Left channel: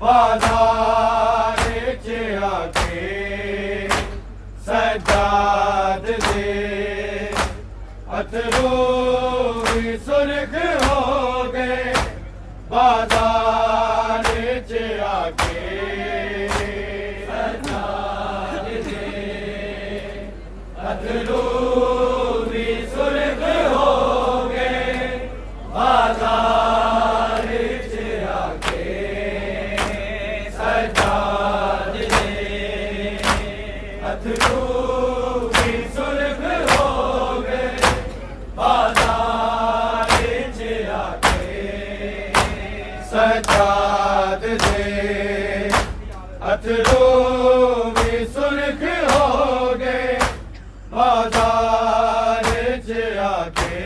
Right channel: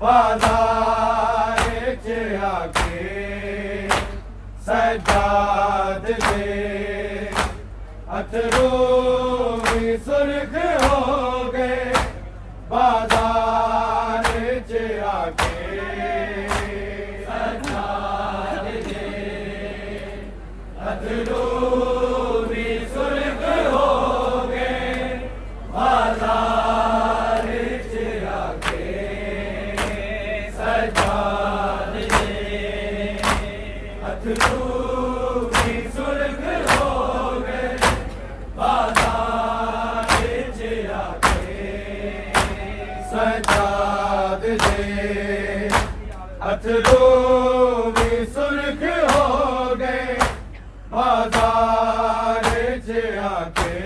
बाजार च आके सजाद दे अथरू भी सुर्ख हो गए बाजार च आके सजाद दे अथरू भी सुर्ख हो गए बाजार च आके सजाद दे अथरू भी सुर्ख हो गए बाजार च आके सजाद दे अथरू भी सुर्ख हो गए बाजार च आके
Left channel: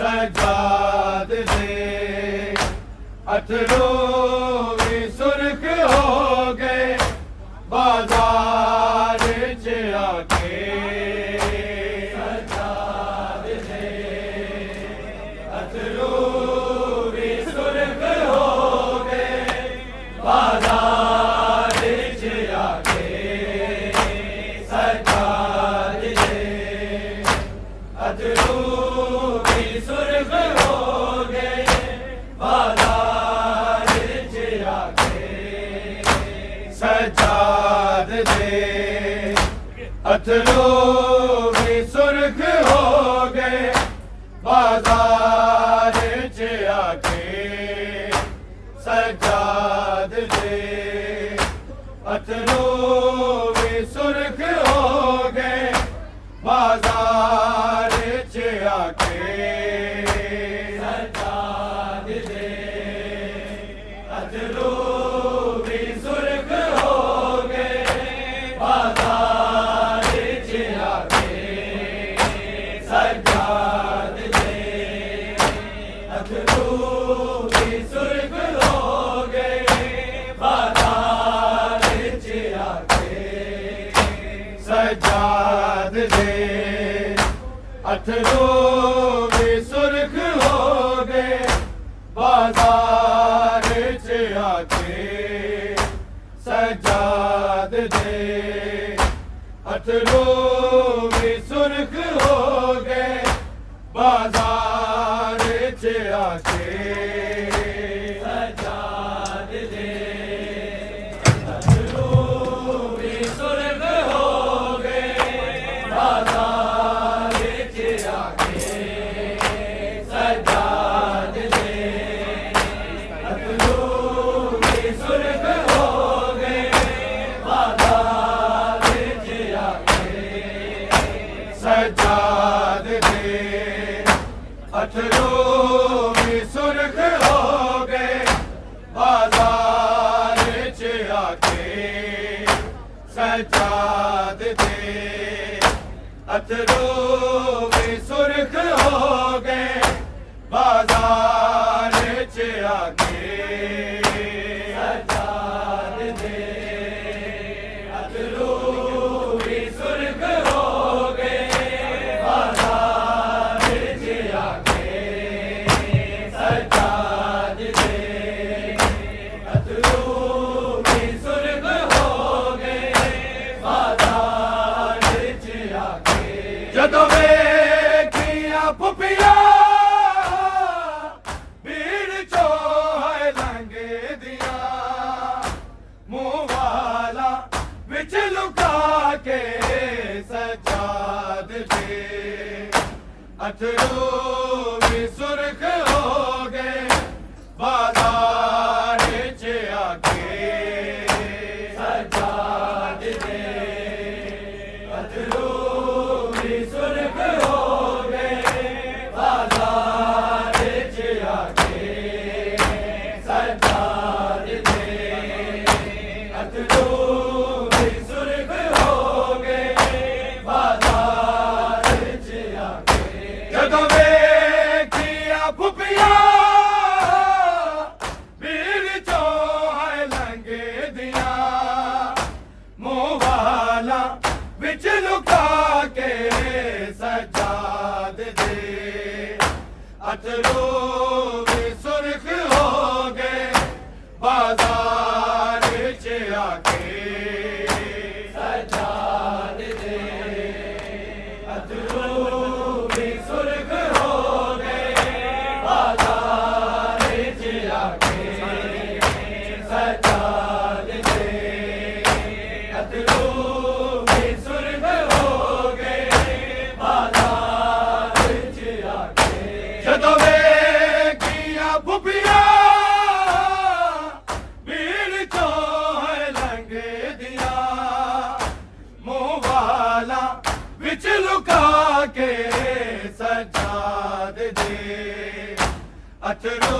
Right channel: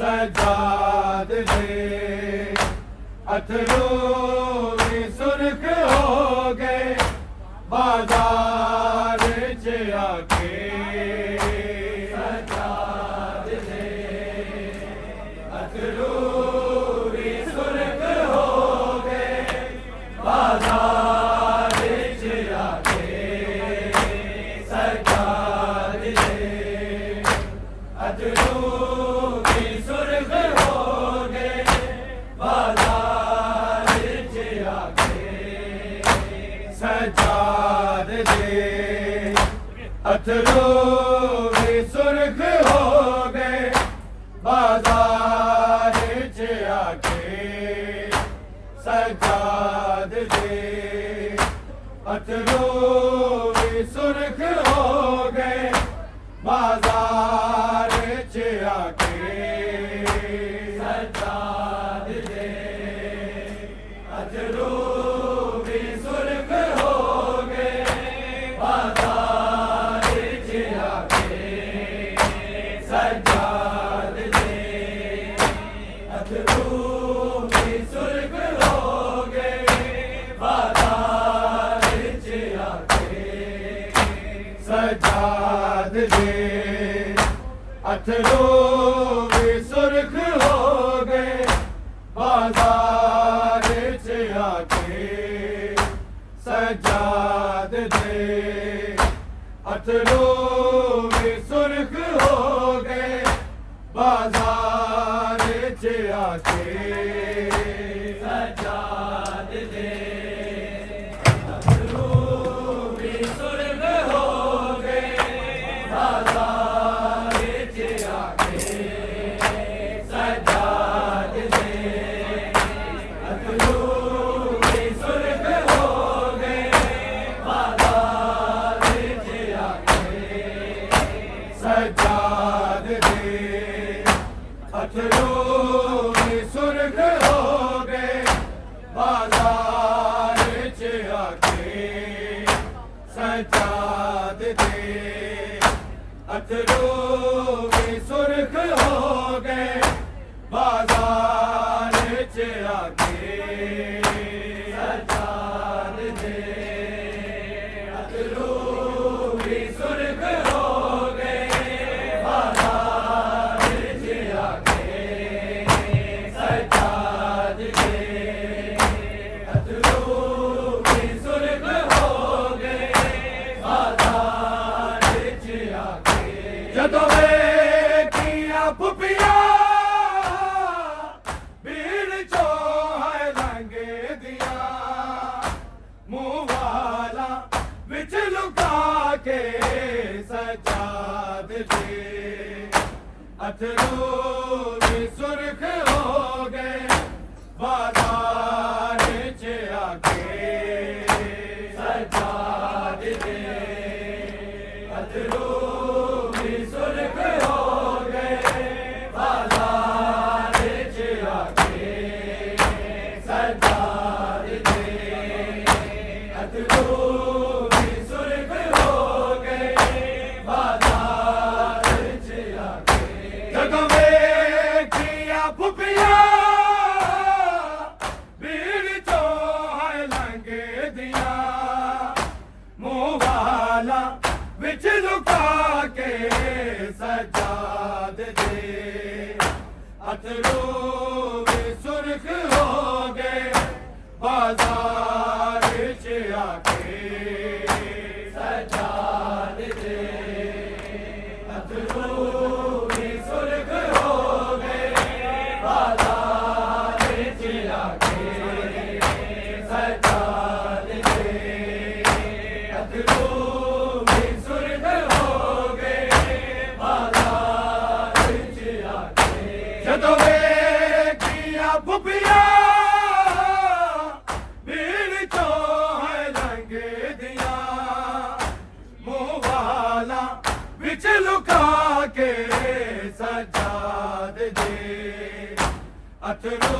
सजाद दे अथरू भी सुर्ख हो गए बाजार च आके सजाद दे अथरू भी सुर्ख हो गए बाजार च आके सजाद दे अथरू भी सुर्ख हो गए बाजार च आके सजाद दे अथरू भी सुर्ख हो गए बाजार च आके सजाद दे अथरू भी सुर्ख हो गए बाजार च आके सजाद दे अथरू भी सुर्ख हो गए बाजार च आके सजाद दे अथरू भी सुर्ख हो गए बाजार च आके सजाद दे अथरू भी सुर्ख हो गए बाजार च आके सजाद दे अथरू भी सुर्ख हो गए बाजार च आके सजाद दे अथरू भी सुर्ख हो गए बाजार च आके सजाद दे अथरू भी सुर्ख हो गए बाजार च आके सजाद दे अथरू भी सुर्ख हो गए बाजार च आके सजाद दे अथरू भी सुर्ख हो गए बाजार च आके सजाद दे अथरू भी सुर्ख हो गए बाजार च आके सजाद दे अथरू भी सुर्ख हो गए बाजार च आके ਜਦੋਂ ਵੇਖੀਆਂ ਫੁੱਫੀਆਂ ਭੀੜ ਚੋਂ ਹੈ ਲੰਘਦੀਆਂ ਮੂੰਹ ਵਾਲਾ ਵਿੱਚ ਲੁਕਾ ਕੇ ਸਜਾਦ ਦੇ ਅਥਰੂ ਵੀ ਸੁਰਖ ਹੋ ਗਏ ਬਾਜ਼ਾਰ ਚ ਆਕੇ ਸਜਾਦ ਦੇ अथरू भी सुर्ख हो गए बाजार च आके सजाद दे अथरू भी सुर्ख हो गए बाजार च आके ਜਦੋਂ ਵੇਖੀਆਂ ਫੁੱਫੀਆਂ ਭੀੜ ਚੋਂ ਹੈ ਲੰਘਦੀਆਂ ਮੂੰਹ ਵਾਲਾ ਵਿੱਚ ਲੁਕਾ ਕੇ ਸਜਾਦ ਦੇ ਅਥਰੂ ਵੀ ਸੁਰਖ ਹੋ ਗਏ बाजार च आके सजाद दे अथरू भी सुर्ख हो गए बाजार च आके सजाद दे अथरू भी सुर्ख हो गए बाजार च आके जदों वेखियां फुफियां विच लुका के सजाद दे अथरू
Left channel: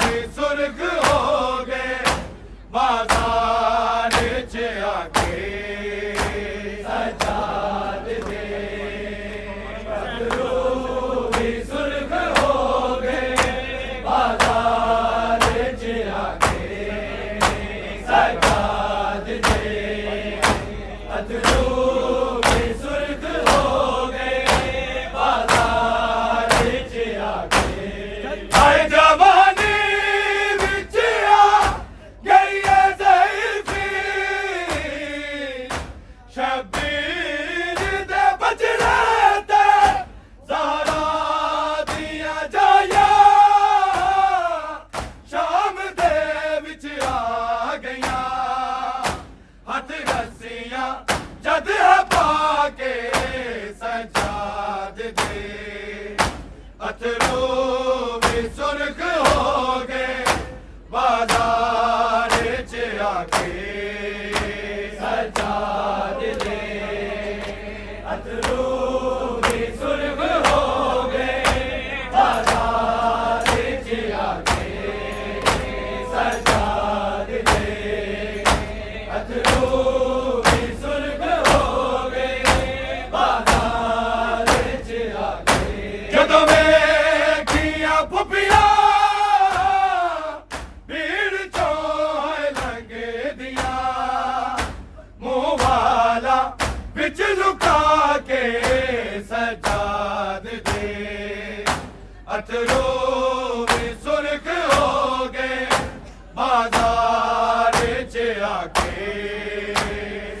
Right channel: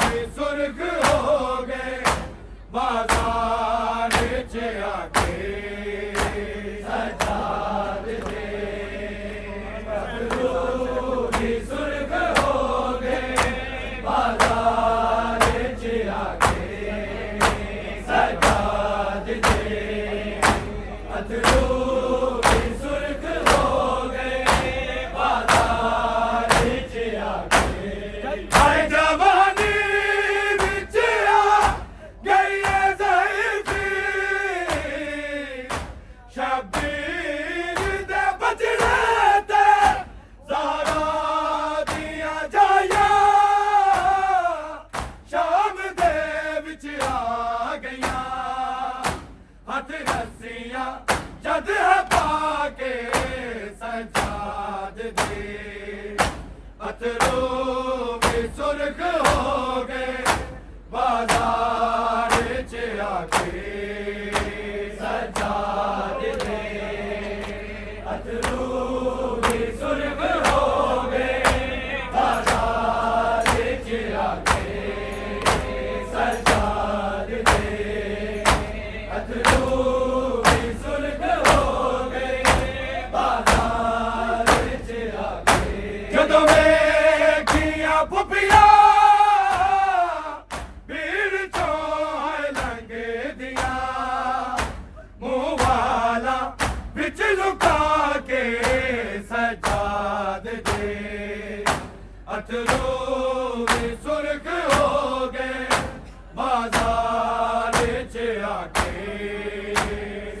भी सुर्ख हो गए बाजार च आके सजाद दे अथरू भी सुर्ख हो गए बाजार च आके सजाद दे अथरू जद पाके सजाद दे अथरू भी सुर्ख हो गए बाजार च आके सजाद दे अथरू भी सुर्ख हो गए बाजार च आके सजाद दे अथरू जदों वेखियां फुफियां भीड़ चों लंघदियां मुंह वाला विच लुका के सजाद दे अथरू भी सुर्ख हो गए बाजार च आके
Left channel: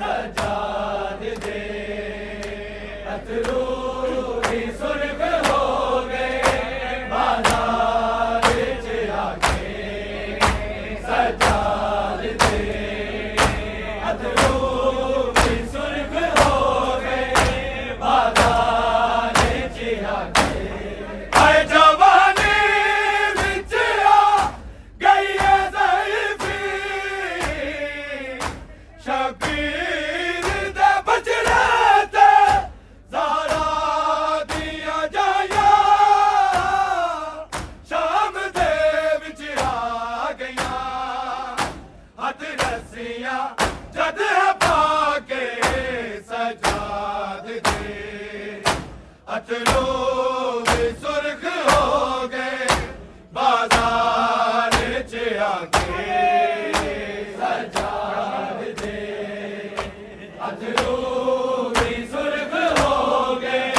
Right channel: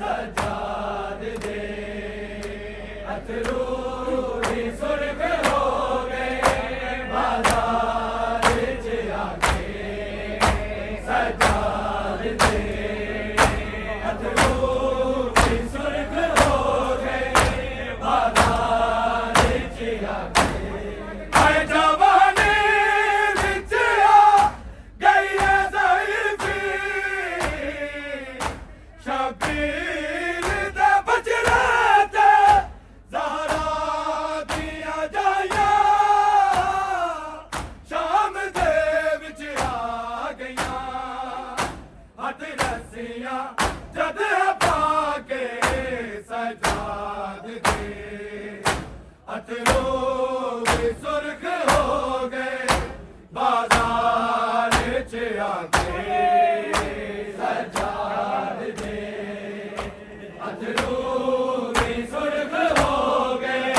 सजाद दे अथरू सुर्ख हो गए बाजार च आके सजाद दे अथरू भी सुर्ख हो गए बाजार च आके आए जवानी विच आ गई है ज़ईफ़ी शबीर दे बचड़े जद पाके सजाद दे अथरू भी सुर्ख हो गए बाजार च आके सजाद दे अथरू भी सुर्ख हो गए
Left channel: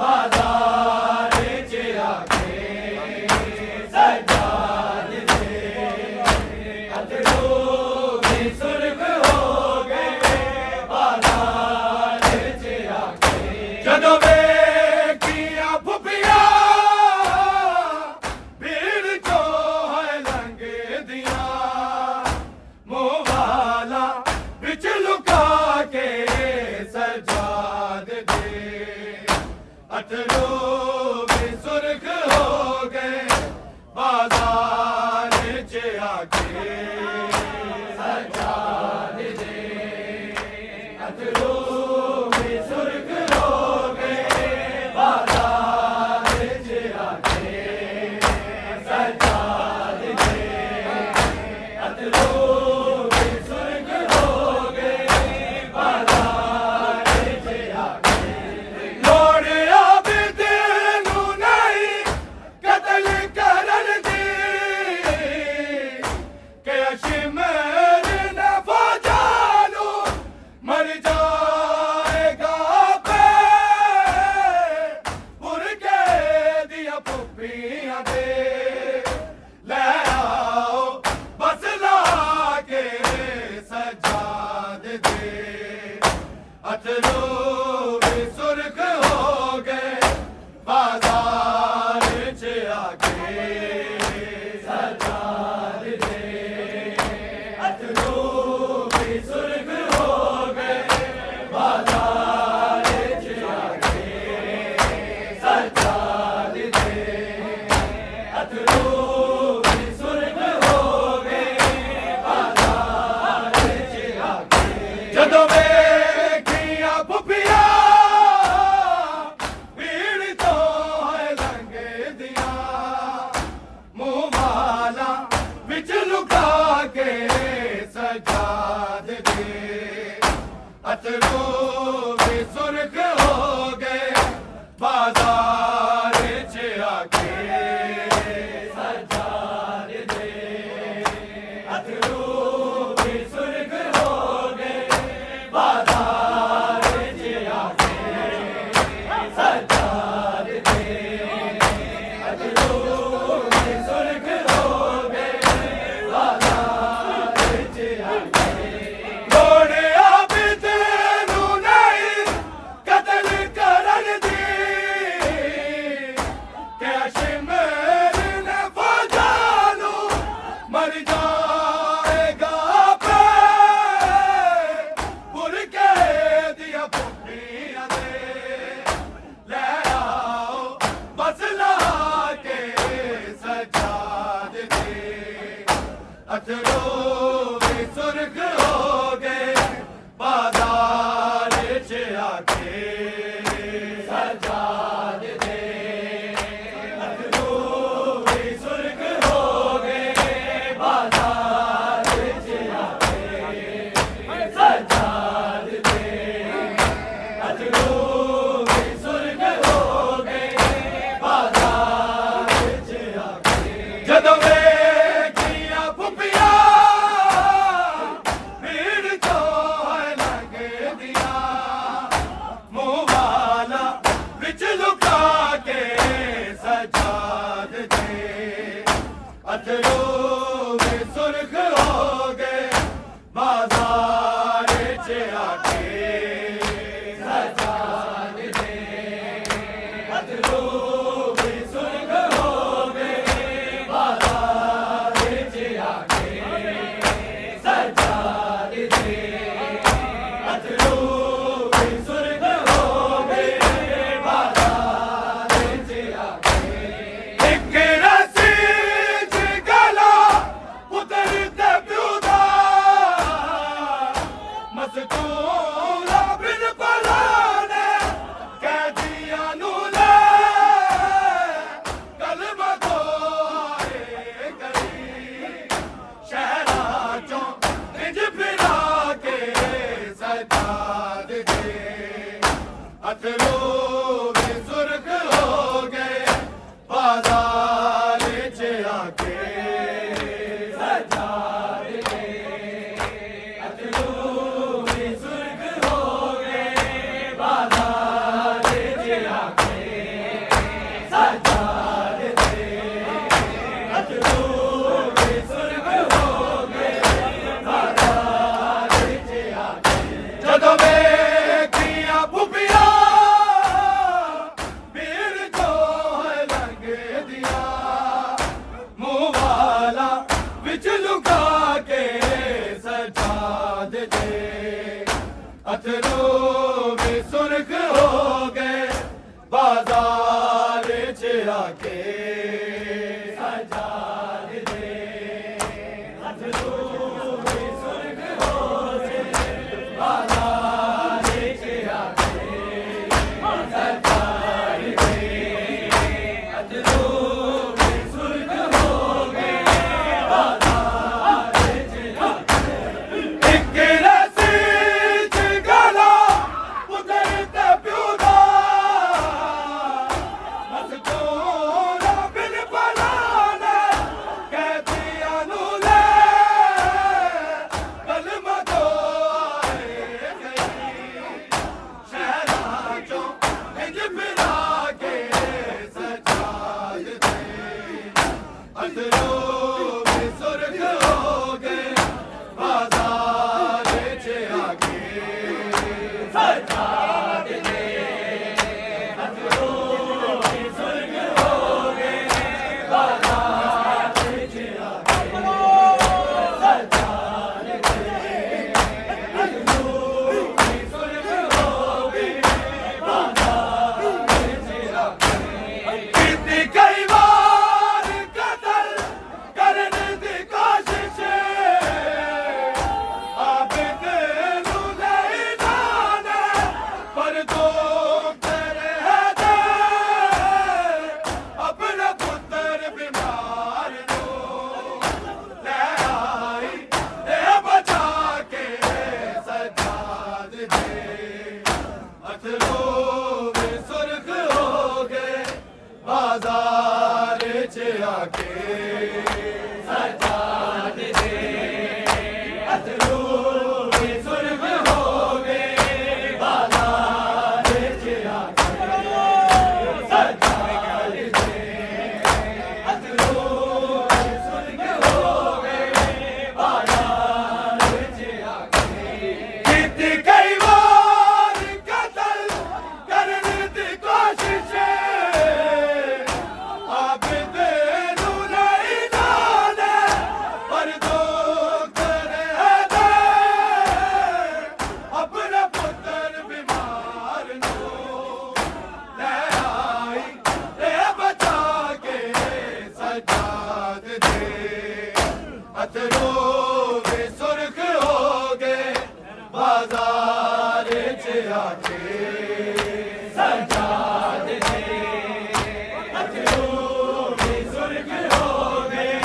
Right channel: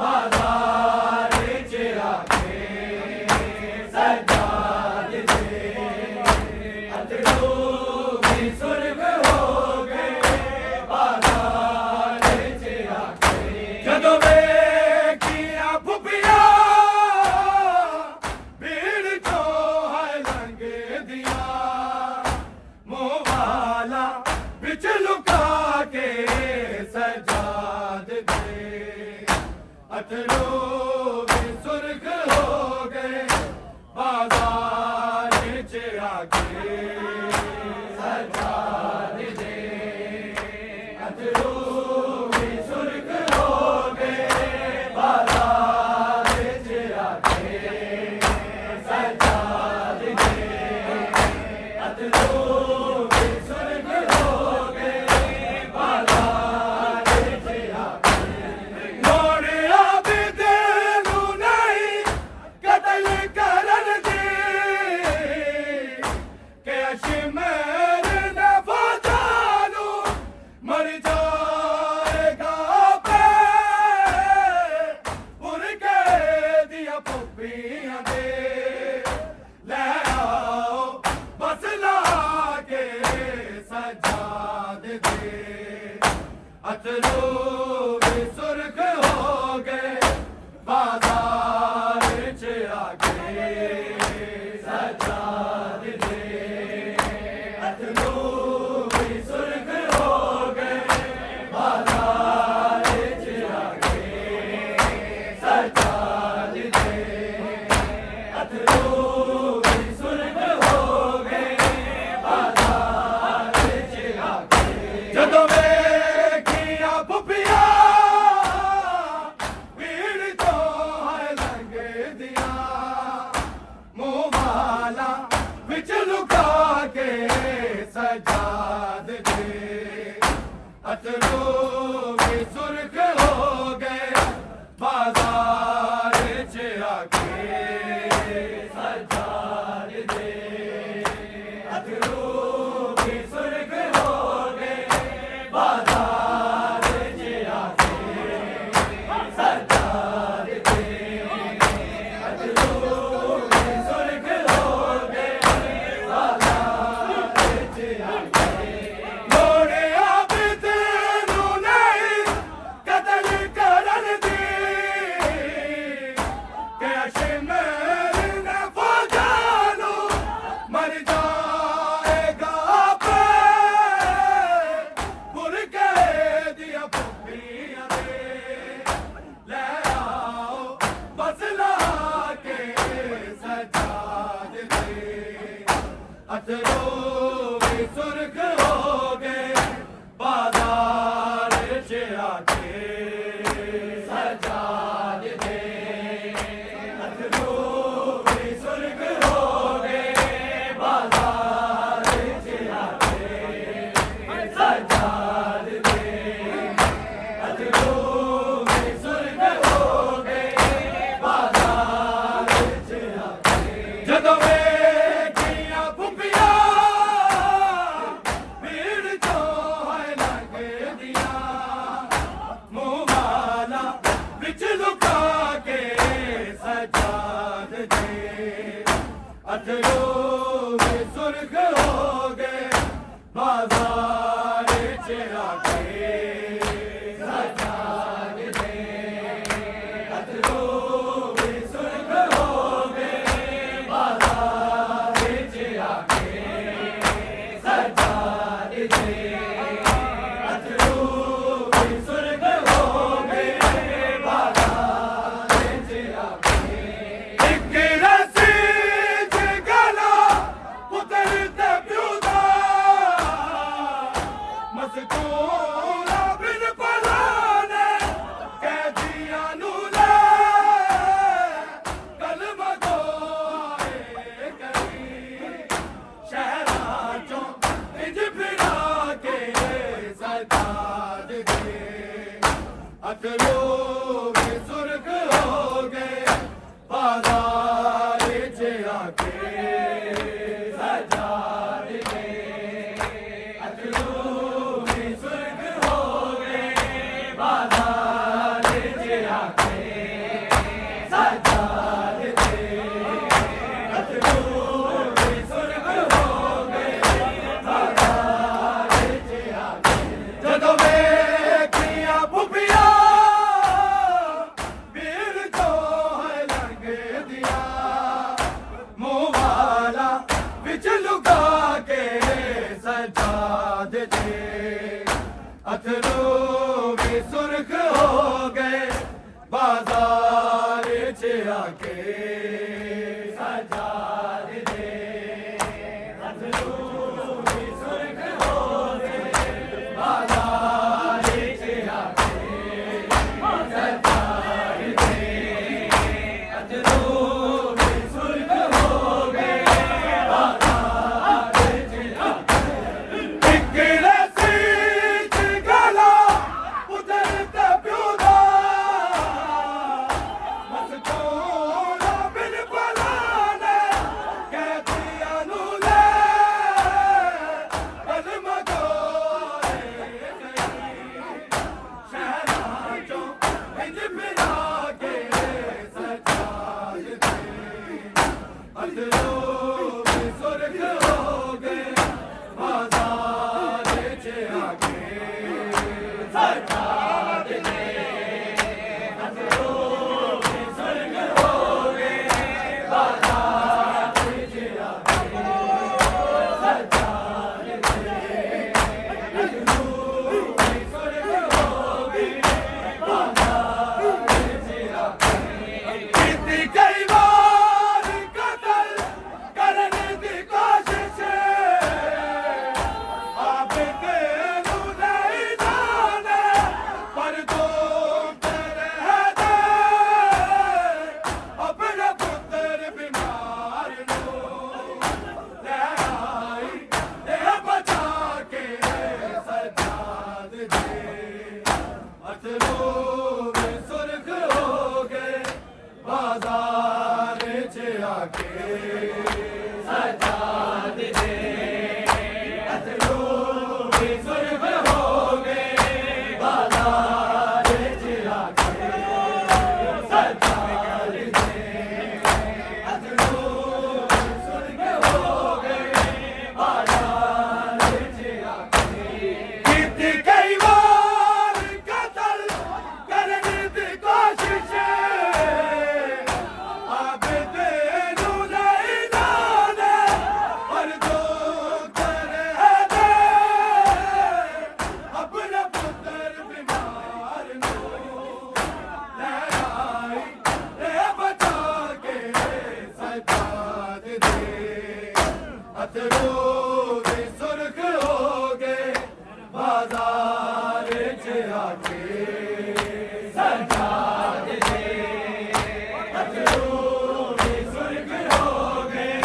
बाजार च आके सजाद दे अथरू सुर्ख हो गए बाजार च आके जदों वेखियां फुफियां भीड़ चों लंघदियां मुंह वाला विच लुका के सजाद दे अथरू भी सुर्ख हो गए बाजार च आके सजाद दे अथरू भी सुर्ख हो गए बाजार च आके सजाद दे अथरू भी सुर्ख हो गए बाजार च आके लोड़ आबिद नूं नहीं कतल करन दी के अशमेर न फौजानू मर जाएगा पे मुर्गे दिया पुप्पियां दे ले आओ बस अथरू भी सुर्ख हो गए बाजार च आके सजाद दे अथरू भी सुर्ख हो गए बाजार च आके सजाद दे अथरू भी सुर्ख हो गए बाजार च आके ਜਦੋਂ ਵੇਖੀਆਂ ਪੁੱਪੀਆਂ ਭੀੜ ਤੋਂ ਲੰਘਦੀਆਂ ਮੂੰਹ ਵਾਲਾ ਵਿੱਚ ਲੁਕਾ ਕੇ ਸਜਾਦ ਦੇ ਅਥਰੂ ਵੀ ਸੁਰਖ ਹੋ ਗਏ ਬਾਜ਼ਾਰ ਚ ਆ ਕੇ ਸਜਾਦ ਦੇ ਅਥਰੂ ਵੀ ਸੁਰਖ ਹੋ ਗਏ बाजार च आके सजाद दे अथरू भी सुर्ख हो गए बाजार च आके लोड़िया भी तेनू नहीं कतल करन दी ते अशमेर ने फौजां नू मर जाएगा पे दिया पुप्पियां दे ले आओ बस ला के सजाद दे अथरू भी सुर्ख हो गए बाजार च आके सजाद दे अथरू भी सुर्ख हो गए बाजार च आके सजाद दे अथरू भी सुर्ख हो गए बाजार च आके ਜਦੋਂ ਵੇਖੀਆਂ ਪੁੱਪੀਆਂ ਭੀੜ ਤੋਂ ਲੰਘਦੀਆਂ ਮੂੰਹ ਵਾਲਾ ਵਿੱਚ ਲੁਕਾ ਕੇ ਸਜਾਦ ਦੇ ਅਥਰੂ ਵੀ ਸੁਰਖ ਹੋ ਗਏ ਬਾਜ਼ਾਰ ਚ ਆਕੇ सजाद दे अथरू भी सुर्ख हो गए बाजार च आके सजाद दे अथरू भी सुर्ख हो गए बाजार च आके एक रस्सी च गला उतरते प्यू दा मस्तूरा बिन पलाने कैदियां नू ले कलमा दोए करी शहरां चों इंज फिरा के सजाद दे अथरू भी सुर्ख हो गए बाजार च आके सजाद दे अथरू भी सुर्ख हो गए बाजार च आके सजाद दे अथरू भी सुर्ख हो गए बाजार च आके ਜਦੋਂ ਵੇਖੀਆਂ ਪੁੱਪੀਆਂ ਭੀੜ ਤੋਂ ਲੰਘਦੀਆਂ ਮੂੰਹ ਵਾਲਾ ਵਿੱਚ ਲੁਕਾ ਕੇ सजाद दे अथरू भी सुर्ख हो गए बाजार च आके सजाद दे अथरू भी सुर्ख हो गए बाजार च आके सजाद दे अथरू भी सुर्ख हो गए बाजार च आके एक रस्सी च गला उतरते प्यू दा मस्तूरा बिन पलाने कैदियां नू ले कलमा दोए करी शहरां चों इंज फिरा के सजाद दे अथरू भी सुर्ख हो गए बाजार च आके सजाद सजाद दे अथरू भी सुर्ख हो गए बाजार च आके सजाद दे अथरू भी सुर्ख हो गए बाजार च आके कित कई बार कतल करने दी कोशिश अब तेनू नहीं जाने पर दो करे दे अपना पुत्र बीमार नू ले आई ए बचा के सजाद दे अथरू भी सुर्ख हो गए बाजार च आके सजाद दे अथरू भी सुर्ख हो गए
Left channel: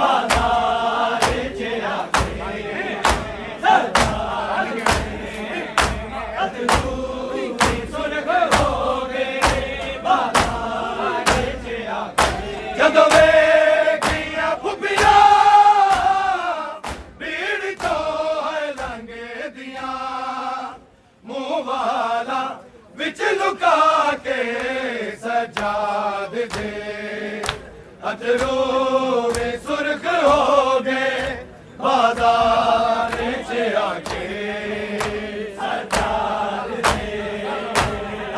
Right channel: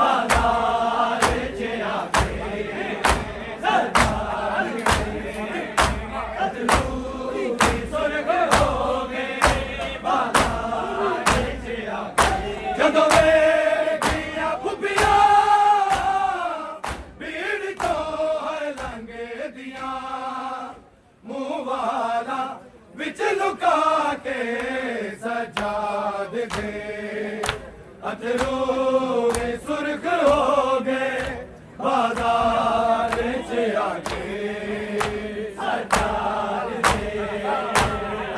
बाजार च आके सजाद दे अथरू भी सुर्ख हो गए बाजार च आके ਜਦੋਂ ਵੇਖੀਆਂ ਫੁੱਫੀਆਂ ਭੀੜ ਤੋਂ ਹੈ ਲੰਘਦੀਆਂ ਮੂੰਹ ਵਾਲਾ ਵਿੱਚ ਲੁਕਾ ਕੇ ਸਜਾਦ ਦੇ ਅਥਰੂ ਵੇ ਸੁਰਖ ਹੋ ਗਏ ਬਾਜ਼ਾਰ ਚ ਆ ਕੇ ਸਜਾਦ ਦੇ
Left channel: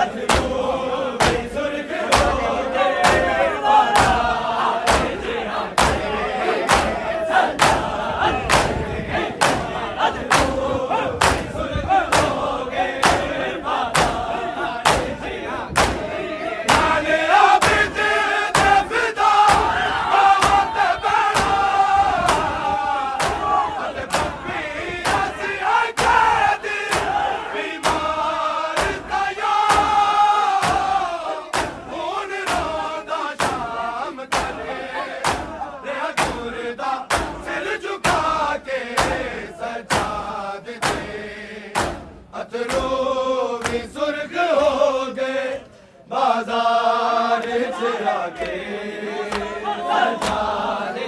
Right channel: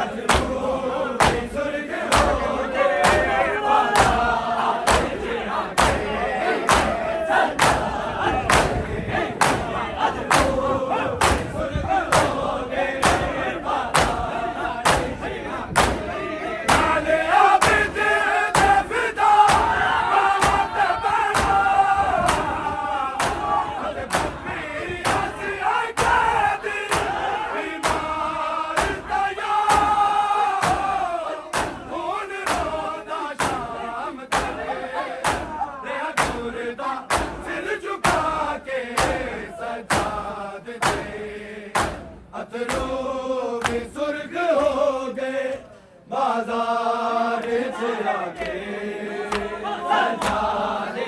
ਅਥਰੂ ਵੇ ਸੁਰਖ ਹੋ ਗਏ ਬਾਜ਼ਾਰ ਚ ਆ ਕੇ ਸਜਾਦ ਦੇ ਅਥਰੂ ਵੇ ਸੁਰਖ ਹੋ ਗਏ ਬਾਜ਼ਾਰ ਚ ਆ ਕੇ ਨਾਲੇ ਆਬਦ ਦੇ ਫਿਦਾ ਬਾਵਤ ਬਣਾ ਅਲੇ ਬੱਪੀ ਅਸੀਂ ਆਕਾਦੀ ਬਿਮਾਰ ਦਇਆ ਹੁਣ ਰੋਂਦਾ ਸ਼ਾਮ ਕਰੇ ਰਿਆ ਤੁਰਦਾ ਸਿਰ ਝੁਕਾ ਕੇ ਸਜਾਦ ਦੇ ਅਥਰੂ ਵੀ ਸੁਰਖ ਹੋ ਗਏ ਬਾਜ਼ਾਰ ਚ ਆ ਕੇ ਸਜਾਦ